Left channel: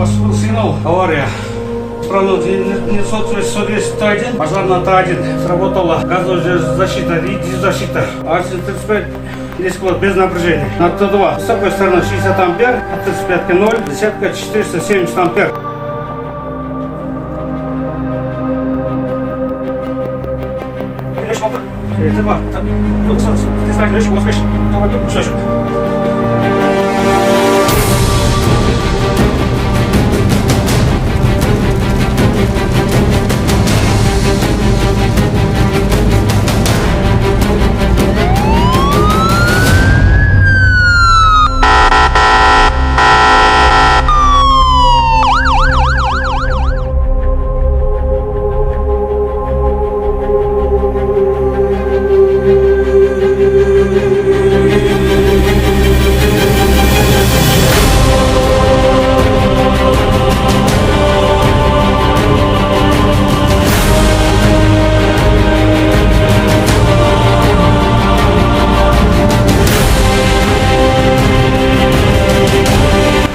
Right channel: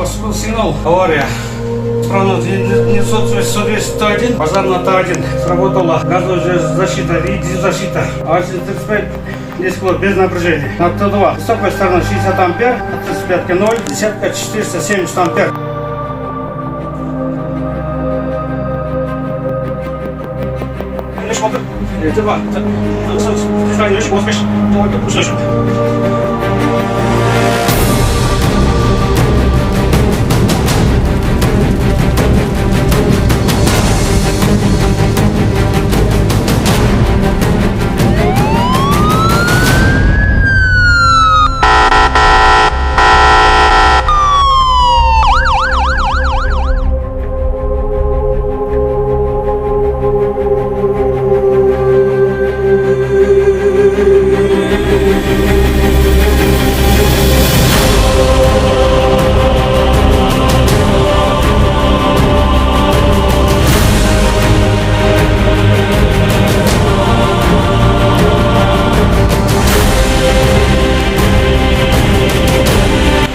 Поступил сигнал. Авария. Справность несоответствует 110-1, пожарная Т1. Сработала газовая защита и диззащита. АС-35 10 вольт без напряжения. На Т2 высокая сторона 60 ампер, от 35 0, десятка 470 ампер. Т2. Ты сразу очень поспешишь. Давай пушечку.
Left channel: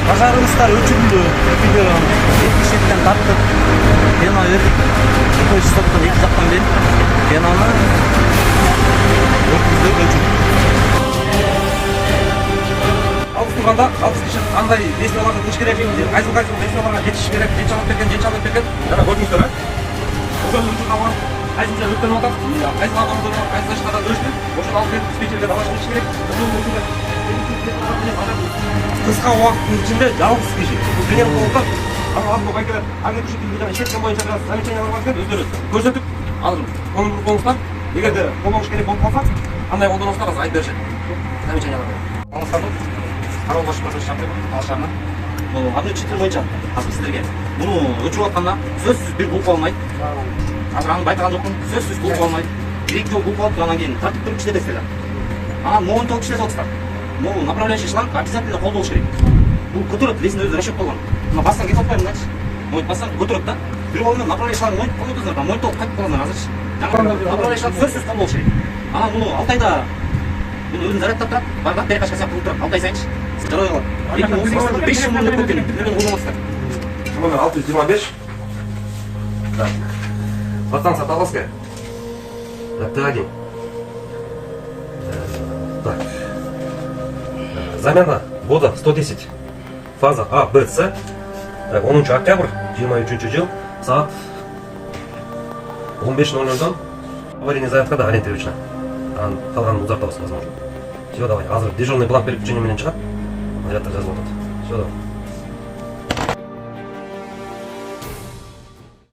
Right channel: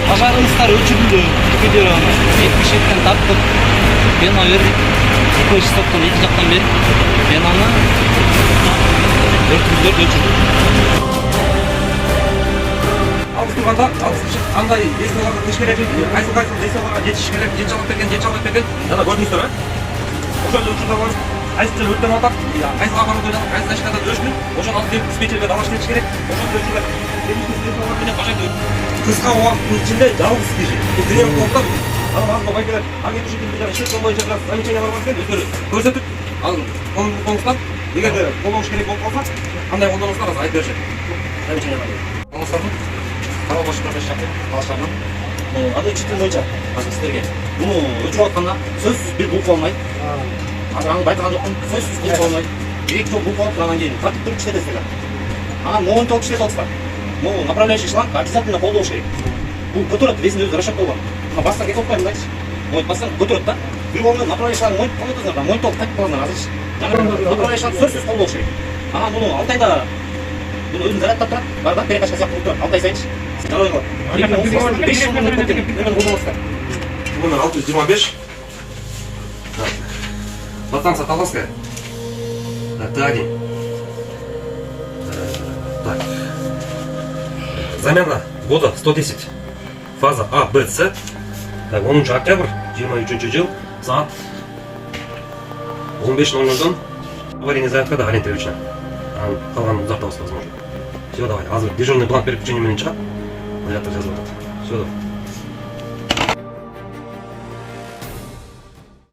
Пожарыңыздар өчүрүлдү. Видеоны 70-тен тарттык. Пена бердик. 2 стоктон 2 жактан берип, пенаны өрткүздөр өчүрдүк. Турганда андай действияларга кылыш керек экен. Кайсы действияларга жетиш керек, жетиш алып берген, жетиш алып берген. Жана көрдүңүздөр, ошол учурда бар. Кайсы өткөн атат, кайсы адамды коюп, кайсы ташкада өрөшмөк. Ошону алып келип диспетчерге далаш бериш керек. Ошондой учурда кыска убакыттын ичинде жалгыз киши бул дүйнөлүк болуптан анан азыр байкелер агенттик шекилдүү жана ишеткен боюнча замечание бар экен, өздөрү көрсөтүп анын колдонуңуздар, эгерде колдонуш керек болуп калса кандай колдонуңуздар азыр айтып беришет. Замечание бар. Алыңыздарды кароо башкармасы шақырып алышарынан бул аны чыктын боюнча азыр сиздерге муну өчүрүп атканда сөзсүз бир бул болмойт. Азыр аны байкаган жокмун, сөзсүз бул болмойт. Бир-эки жолу бул болуп анан кийин тартип туруп иштетесиздер. Анан монтол иштетип атасыздар. Ну, направляющий шланг обязательно колдонуш керек. Бул көтөрөт, весин өзү расчеттолгон. Мына басса кетип атпайбы мындайчы? Моюнт басса көтөрөт да. Бир болгон направляющий шланг моюнт колдоносуздар, моюнтол кайтып калгандар азырчы. Жаңы направляющий шланг сөзсүз колдонуш керек. Анан муну Алтайда муну өзүн зарядтап турат, бар да перекачка сыяктуу турат. Алтай сайынчы. Жарой кылат. 5 жыл муну көтөрүп, бирден колдоносуздар. Муну 625. Так. Подстанция Таловская. Так, Т1. Так. Замена ввода 110. Фаза А, Б, С. Так, 10 октябрь 23 жыл. Саат 15:00. Аварийный заявкада Алентьевична. Калганын узартабыз возможно. Все, давай. Азыр дежурный бланк берип күчөнү менен чыгат. Завтра жазып атат. Все, давай.